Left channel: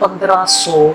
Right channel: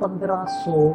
1500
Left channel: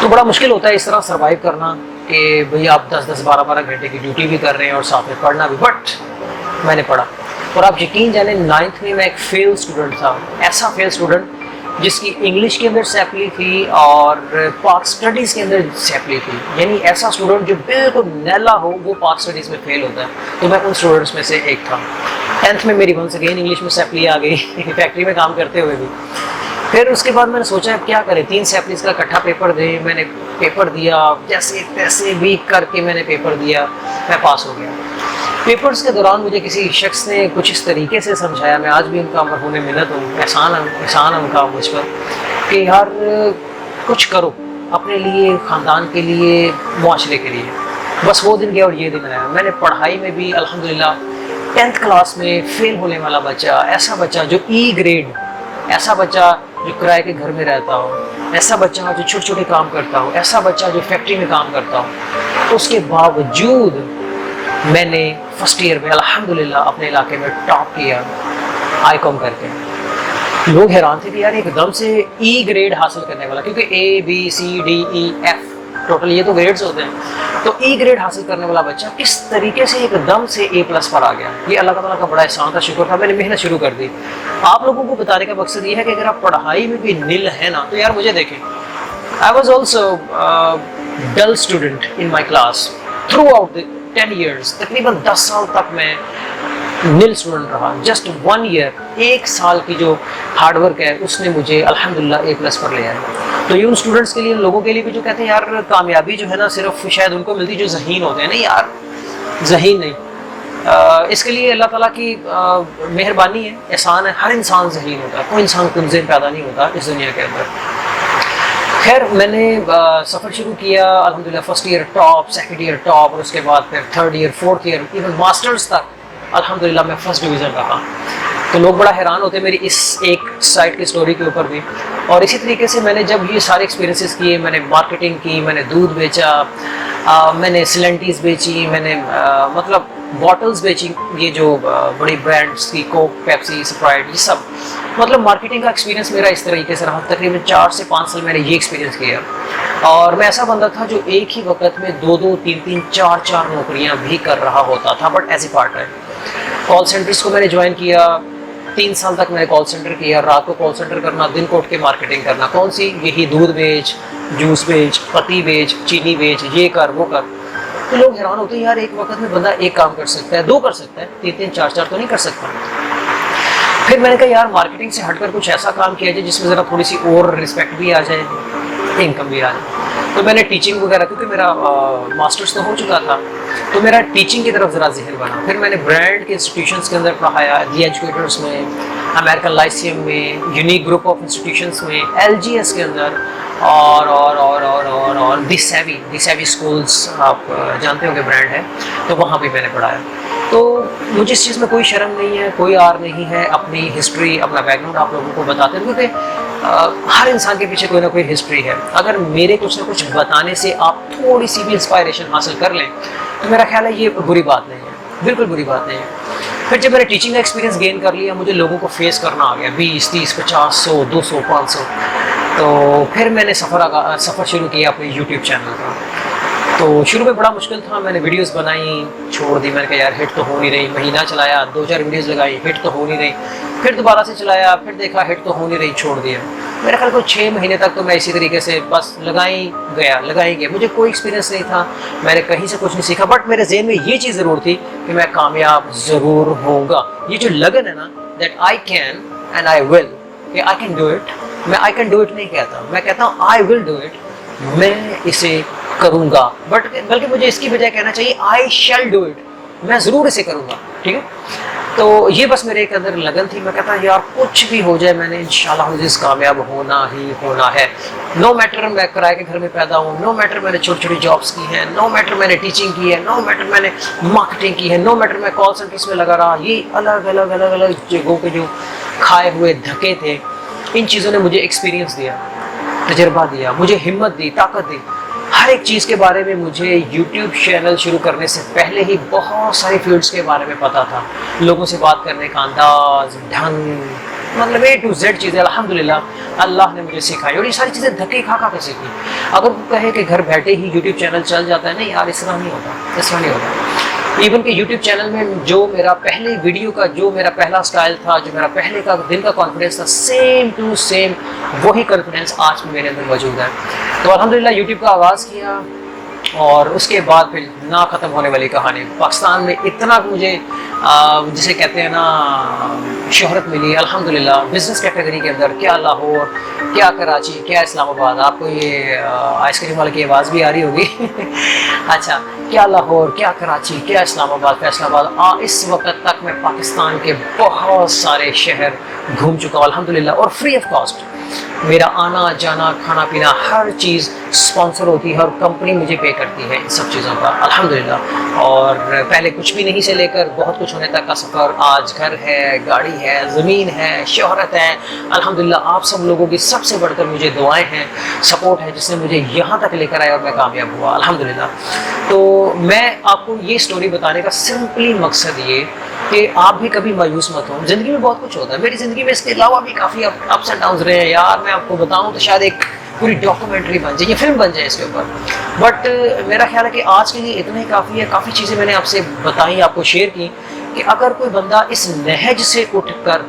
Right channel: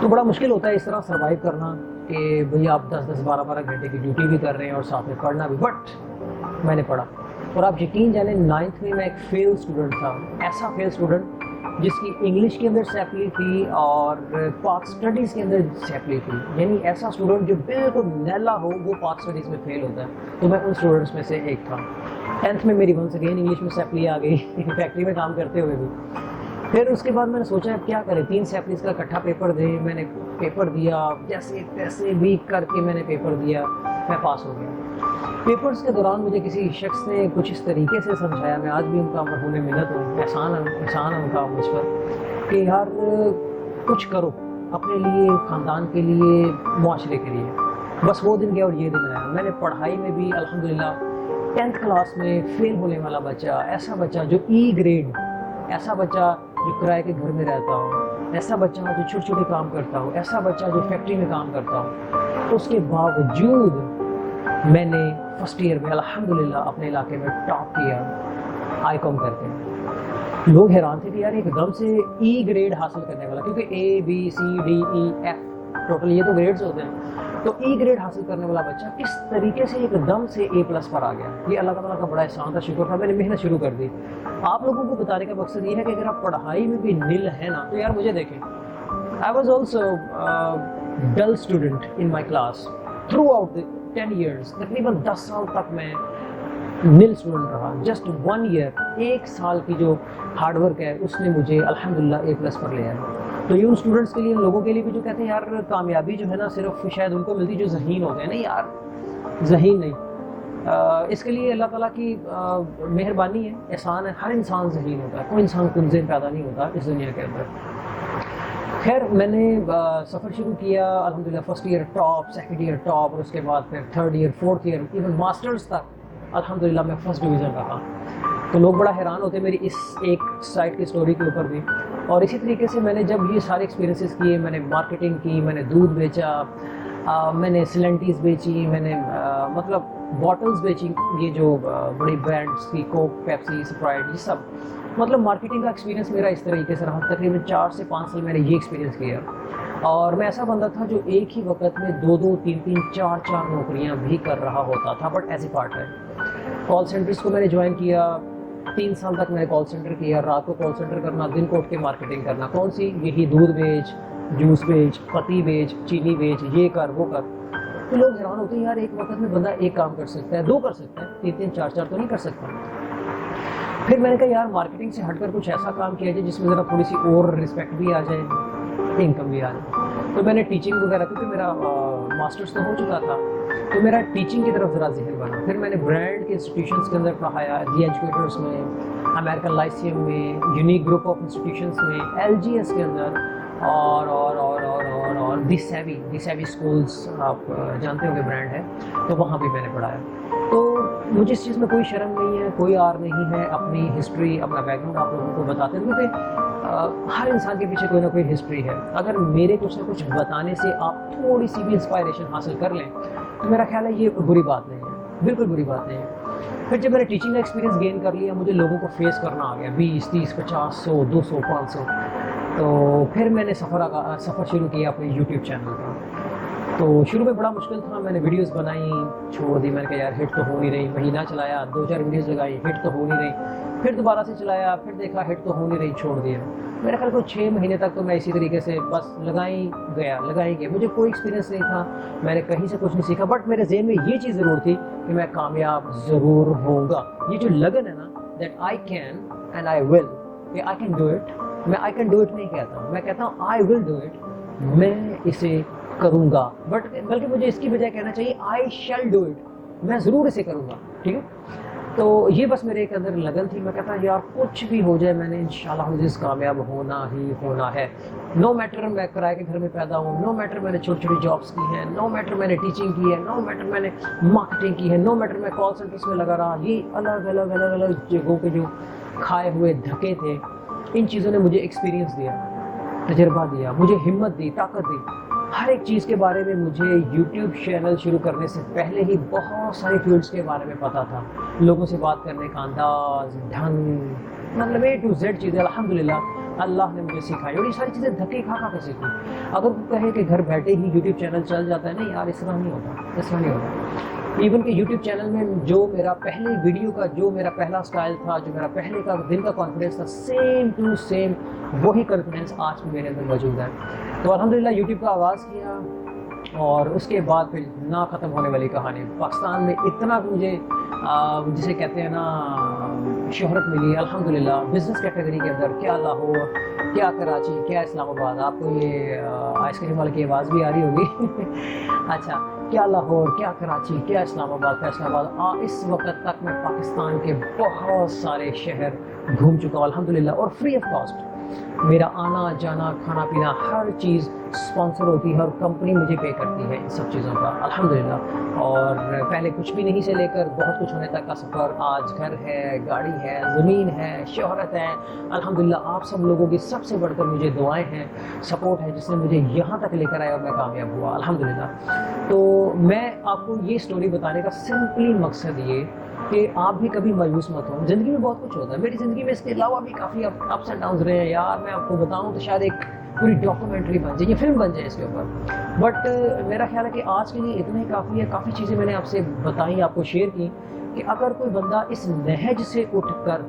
تو بڑا مشکل ہوتا ہے اس طرح سروائیو کرنا کہ بھئی آپ 10-12 گھنٹے کی ڈیوٹی بھی کر رہے ہیں اور ساتھ میں پڑھنا بھی. بٹ میں نے پڑھا, اور آپ یقین جانیں 9th میں ایک فیل اسٹوڈنٹ تھا, ایسا فیل اسٹوڈنٹ جس کی انگلش کے اندر سیپلی تھی اور پاک اسٹڈیز کے اندر سیپلی تھی. یعنی ایسا اسٹوڈنٹ جو بالکل نیلا ہو وہ پاک اسٹڈیز میں فیل ہوتا ہے. تو میں ان اسٹوڈنٹس میں سے ایک تھا. 10th میں میری ونس اگین انگلش میں سیپلی آ گئی فیکٹری میں کام کرتے ہوئے بھی. پھر اس کے بعد میں نے سوچا اب کیا کریں, 3 سیپلیز کا اکٹھا پیپر دیں. میں نے پیپر دیا, جیسے تیسے ویک کر کے میں نے پیپر دیا, میں پاس ہو گیا. پیپرز کے دوران مجھے کسی شخص نے کچھ اس طریقے سے سمجھایا, میں آج بھی ان کا مرہون منت ہوں, احسان ان کا مجھ پر, کہ یار کچھ کرو اپنے لیے, خاندان کے لیے, معاشرے کے لیے. بس وہ دن گیا اور یہ دن آیا. میں نے پڑھائی میں بھی الحمدللہ 10th کلاس میں فیل ہونے والا بچہ, ایسا بچہ جو ای گریڈ, ایسا بچہ جو کرائے کے گھر میں رہتا ہو, ایسا بچہ جو چھوٹے چھوٹے کام کرتا ہو, ایسا بچہ جو فیکٹری میں کام کرتا ہو, اس کے باوجود میں نے فرسٹ ایئر میں الحمدللہ اپنے علاقے میں ٹاپ کیا آئی کام کر کے. لوگ حیران تھے کہ یار ایک دم سے ای گریڈ حاصل کرنے والا, کیونکہ ABCDEF ٹوٹل یہ تو گریڈز ہوتے ہیں, تو ای گریڈ حاصل کرنے والا بچہ کس طریقے سے ایک دم سے A+ پر آ گیا. یہ اللہ تعالیٰ کا بڑا احسان تھا, شکر تھا. میں نے محنت شروع کر دی. آپ لوگوں کو بتانے کا مقصد یہ ہے کہ اگر آپ پڑھائی میں بھی نل ہے نا, تو یار مجھے دیکھیں, I was also dull student in my class throughout the 10 years. تقریباً 10 سال تک میں نل اسٹوڈنٹ رہا. جسٹ 1 ایئر, 1 سال کی جو ہارڈ ورک ہے اس نے مجھے الحمدللہ A+ پر لے آیا. تو یہ ان اسٹوڈنٹس کے لیے, ان لوگوں کے لیے بھی جو کہتے ہیں یار کامیابی جو ہے نا صرف شاید ان کو ملتی جو ذہین ہوتے ہیں. نہیں یار, ذہین نہیں, اس کے لیے اللہ تعالیٰ کی مہربانی ہے, احسان ہے. ہر انسان ذہین ہوتا ہے, کوئی انسان کم ذہن پیدا نہیں ہوتا اس دنیا کے اندر. خیر میں نے سفر شروع کیا الحمدللہ. First year top, second year top, اور اس کے بعد پھر third year, fourth year, even masters تک الحمدللہ میں فرسٹ ڈویژن رہا. تو لوگ بڑا حیران ہوتے میری اس ایک سائٹ کی اسٹوری کے اوپر بھی. اور اسی طریقے سے میں نے جب یہ سارے ایکسپیرینسز کیے, میں نے مارکیٹنگ کی, میں نے دودھ بیچا, میں نے سلنٹیز بیچی, میں نے مطلب باٹلز بیچی, یہ جو بڑی برانڈس کی کوک, پیپسی, اسپرائٹ, یہ سب مطلب مارکیٹنگ کا ایکسپیرینس میرا اس طریقے سے رہا. تقریباً 4 سے 5 سال میں نے یہ ایکسپیرینس کیا. اور میں ایسا بندہ تھا جو ایک ہی وقت میں 2-2, 3-3, 4-4 نوکریاں بھی کر رہا ہوتا تھا, but as a part time. Call centres کو میں نے جوائن کیا, 3 سال تک میں نے کال سینٹر کیا. رات کو کال سینٹر کرنا, دن کو اٹھ کے مارکیٹنگ کرنا. کون سی؟ یہی دودھ بیچ, جوس بیچ, پتی بیچ, چینی بیچ, یہ کر وہ کر. تو لوگ حیران ہوتے ہیں یار ایک وقت میں بندہ ایک کام کر سکتا ہے, 2 کر سکتا ہے, 3-3, 4-4 تو نہیں کر سکتا. پھر میں نے کہا یار مارکیٹنگ سے ہٹ کر کچھ ایسا کام کیا جائے جس میں ذرا تھوڑی سی اور رسپیکٹ بھی آ جائے, انکم بھی آ جائے. تو میں نے ٹیچنگ وغیرہ, کیونکہ میرا ماسٹرز تو ہو چکا تھا, تو میرا ٹیچنگ کی طرف ذرا ذہن بنا. پھر میں نے برانڈ کے انسٹیٹیوشنس کے اندر پڑھایا, دی ایجوکیٹرس میں, امریکن لائسیم میں, یونیک گروپ آف انسٹیٹیوشنس میں, LGS کے اندر, اور دی سیوی اسکولس, آپ جانتے ہوں گے برانڈ ہے, تو وہاں بھی میں نے پڑھایا. تو مجھے اس چیز میں کوئی شرم نہیں ہے, کوئی آر نہیں ہے. اپنی ہسٹری, اپنا بیک گراؤنڈ آپ لوگوں کو بتاتے ہیں, کیونکہ ہر انسان کے پیچھے کوئی نہ کوئی ہسٹری ہے. اگر میرے کچھ نہ کچھ بتانے سے آپ تھوڑی سی بھی انسپائریشن حاصل کر لیں تو میرا خیال ہے یہ بری بات نہیں ہے, بالکل بری بات نہیں ہے. پھر جب میں نے ٹیچنگ کا ایکسپیرینس گین کر لیا, مجھے لوگوں کو فیس کرنا آ گیا, 20, 30, 50, 100, 200, 500. تو پھر میں نے سفر شروع کیا اپنے یوٹیوب چینل کا. تو شروع میں بڑا مشکل تھا, میں نے ویڈیوز بنائی, چھوڑ دی. میں نے کہا یار ہٹ تو ہو نہیں رہی. مہینہ چلایا, 2-4 ویڈیوز لگائی, ہٹ تو ہو نہیں رہی. پھر دوبارہ سے چلایا, پھر دیکھا ہٹ تو ہو نہیں رہی, چھوڑ دیا. میرے خیال کو 6 مہینے تک تو میں اسی طریقے سے بس لگائی گیا. مجھے کوئی ایکسپیرینس نہیں تھا, میں نے کہیں سے کچھ نہیں سیکھا, بٹ میرے ذہن میں یہ چیز ضرور تھی کہ میں کامیاب ضرور ہوں گا. یہ جو لگن ہے نا, that I can and I will, کہ آئی کین ڈو اٹ. میں آئی کین ڈو اٹ نہیں کہتا, میں کہتا ہوں آئی ول ڈو اٹ, میں اسے کروں گا. بلکہ مجھے اس کی بجائے کہنا چاہیے آئی شیل ڈو اٹ, میں ضرور اسے کروں گا. ٹھیک ہے, تو یہ بس میرے ایک اندر لگن تھی. میں کہتا یار کچھ بھی ہو جائے, میں نے انشاءاللہ عزیز کامیاب ہونا ہی ہونا ہے. نو میٹر میں کرائے کے گھر میں پیدا ہوں, نو میٹر میں نے چھوٹی چھوٹی جابس کی ہیں, نو میٹر میں نے ٹیچنگ کی ہے, نو میٹر میں نے مارکیٹنگ کی ہے, نو میٹر میں کال سینٹرس میں لگا رہا. یہ الگ الگ جگہوں کے جو کھائے ہوئے دھکے تھے, ان چیزوں نے مجھے ایکسپیرینس دیا, تجربہ دیا, مجھے ہمت دی, طاقت دی. ہر ایک چیز کے بارے میں مجھے یوٹیوب چینل شروع کرنے سے پہلے ہی بہت ساری فیلڈس کے بارے میں پتہ تھا. لوگوں سے بات کرنے کا انداز, ڈھنگ, مطلب A to Z چیزیں الحمدللہ اللہ نے مجھے سکھائی، اور یہ ساری چیزیں دھکے کھا کر سیکھی. اگر وہ کہے کہ گھر بیٹھے ہی یوٹیوب چینل چل جاتا ہے، نہیں یار، اس طرح نہیں ہوتا، اس طرح نہیں ہوتا. ایون کہ یوٹیوب چینل میں جو میرا پہلے ویڈیو کا جو میرا پہلا سٹائل تھا، جو میرا پہلے کا دن کا کانفیڈنس تھا، سیم ٹو سیم وہی کانفیڈنس آج بھی میرے اندر موجود ہے. تو الحمدللہ یوٹیوب کا آغاز کیا، اور اس کے بعد پھر نہ ختم ہونے والی کہانی. پاکستان میں اتنا مجھے جسے کہتے ہیں نا شہرت ملی الحمدللہ بزنس کیٹیگری کے اندر. کیا لاہور، کیا کراچی، کیا اسلام آباد. آپ کو یہ آئس کریم والے کی آواز بھی آ رہی ہوگی. اچھا، کیا لاہور، کیا کراچی، کیا اسلام آباد، فیصل آباد. اس وقت تک میں پاکستان کے بہت سارے شہر گھوم چکا ہوں الحمدللہ، اور فری آف کاسٹ. میرا آنا جانا کھانا پینا ہر چیز اسپانسر ہوتی ہے، اور کمپنی مجھے پے کرتی ہے ان سب چیزوں کا الحمدللہ. اور پہلے کچھ بھی نہیں سے لے کر بہت کچھ ہونے تک کا سفر. آج گھر ہے، گاڑی ہے، زمین ہے، شہرت ہے الحمدللہ. آپ سب لوگوں کی سب سے بڑھ کر مجھے دعائیں ہیں، سپورٹ ہے، جس نے مجھے یہاں تک لے کر آیا، اور میں کامیاب ہوا الحمدللہ. تو میں آپ کو یہ سٹوری بتانے کا سمپلی مقصد یہ کہ آپ بھی کبھی مایوس مت ہوں. زندگی میں بہت کچھ ہوتا ہے. میری زندگی میں اس کے علاوہ بھی کافی اپس اینڈ ڈاؤنز رہے ہیں یار. میں آپ کو بتاؤں تو شاید ایک پوری ڈاکومنٹری بن جائے، یہ فلم بن جائے اس کے اوپر. بٹ میرا خیال ہے کہ آج کے لیے اتنا ہی کافی ہے. کافی چیزیں میں نے آپ سے بتائیں، آپ کو شیئر کی، کہ اگر کوئی بندہ اس نہج سے اٹھ کر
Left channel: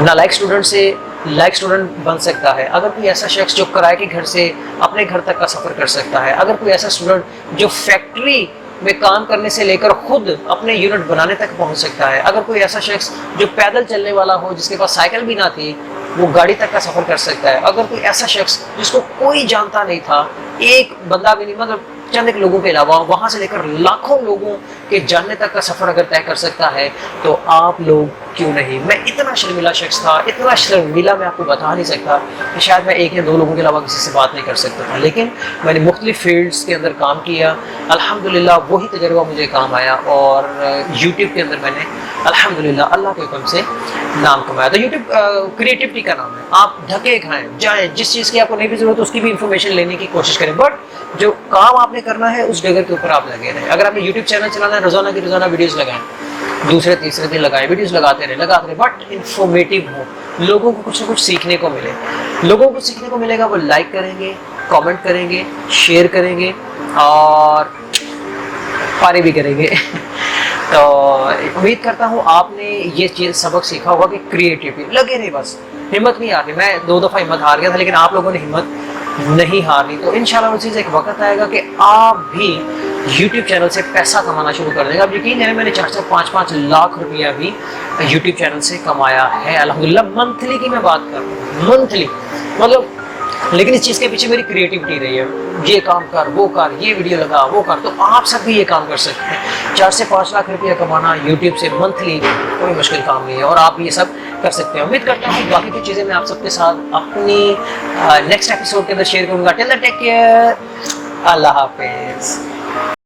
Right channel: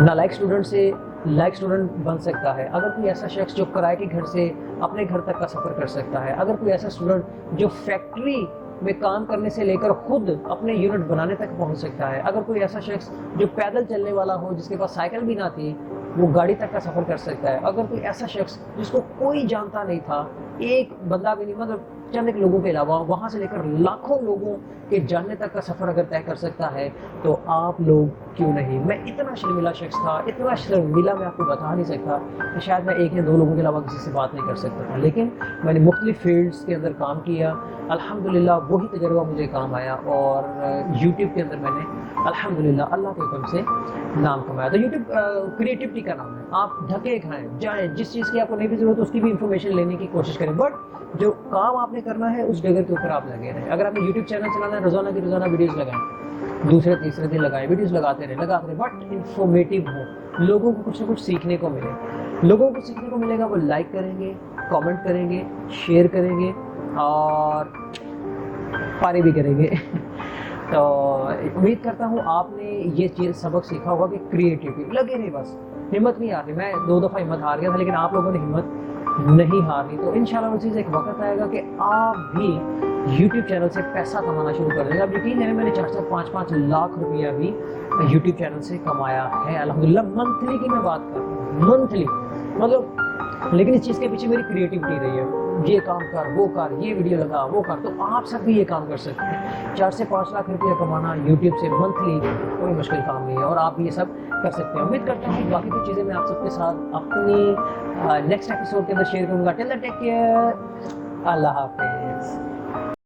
نالائق اسٹوڈنٹ سے لائق اسٹوڈنٹ بن سکتا ہے، اگر کوئی ایسا شخص جو کرائے کے گھر سے اپنے گھر تک کا سفر کر سکتا ہے، اگر کوئی ایسا اسٹوڈنٹ جو فیکٹری میں کام کرنے سے لے کر خود اپنے یونٹ بنانے تک پہنچ سکتا ہے، اگر کوئی ایسا شخص جو پیدل چلنے والا ہو، جس کے پاس سائیکل بھی نہ تھی، وہ گاڑی تک کا سفر کر سکتا ہے، اگر کوئی ایسا شخص جس کو کوئی جانتا نہیں تھا، ایک بندہ بھی نہیں، مطلب چند ایک لوگوں کے علاوہ، وہاں سے لے کر لاکھوں لوگوں کے جاننے تک کا سفر اگر طے کر سکتا ہے، تو آپ لوگ کیوں نہیں. میں اتنا شرمیلا شخص تھا، اتنا شرمیلا میں آپ کو بتا نہیں سکتا کہ شاید میں ایک یا دو لوگوں کے علاوہ کسی سے بات نہیں کر سکتا تھا. لیکن میں نے مختلف فیلڈس کے اندر کام کیا الحمدللہ. وہی تجربہ مجھے کام آیا، اور یوٹیوب کے اندر میں نے الحمدللہ اللہ کے حکم سے نام کمایا. تو یوٹیوب کریٹیوٹی کا نام ہے. آپ دھکے کھائیں، جائیں، جس چیز کی آپ کو نہیں بھی ضرورت اس کی بھی انفارمیشن لینے کی کوشش کریں، بٹ جو کام آپ نے کرنا ہے اس ڈگر کے اوپر آپ لگے رہیں. اگر آپ نے یوٹیوب چینل چلانا ہے، روزانہ کی روزانہ ویڈیوز لگائیں، دوسرے تیسرے دن لگائیں، ویڈیوز لگاتے رہیں، بٹ انفارمیٹیو ہو، لوگوں کو کچھ نہ کچھ سیکھنے کو ملے. لوگوں کو سیکھنے کو ملے گا، وہ لائک کریں گے، کامنٹ کریں گے، شیئر کریں گے، اور پارے بھی کریں گے. تو امید کرتا ہوں آپ نے یہ چیز سبق سیکھا ہوگا کہ کریٹیوٹی لگے نہیں، بس ہمت نہیں ہارنی. میں 2 دفعہ ہمت ہار گیا تھا، لیکن آپ لوگوں نے ہمت نہیں ہارنی. تو انشاءاللہ وہ چیز ایک وقت آئے گا کہ آپ بھی یوٹیوب چینل سے پیسہ کمانا شروع کر دیں گے. اب یقین ہے میں نے 4-5 لاکھ روپیہ بھی یوٹیوب چینل سے کمایا ہے الحمدللہ. منتھلی کی میں بات کر رہا ہوں، منتھلی مطلب. لیکن اس چیز کے پیچھے میری کریٹیوٹی رہی ہے، یہ کام کر، وہ کر، یہ ویڈیو لگا، وہ کر. تو آپ سب بھی یہ کام کر سکتے ہیں. 4 سے 5 لاکھ روپیہ کمانا یوٹیوب سے منتھلی کوئی مشکل کام نہیں ہے، اور آپ یہ سب کر سکتے ہیں. امید کرتا ہوں باقی کی چیزیں میں آپ سب کے ساتھ اپنی نیکسٹ ایپیسوڈ کے اندر شیئر کروں گا. ٹل دین ٹیک کیئر، اللہ حافظ.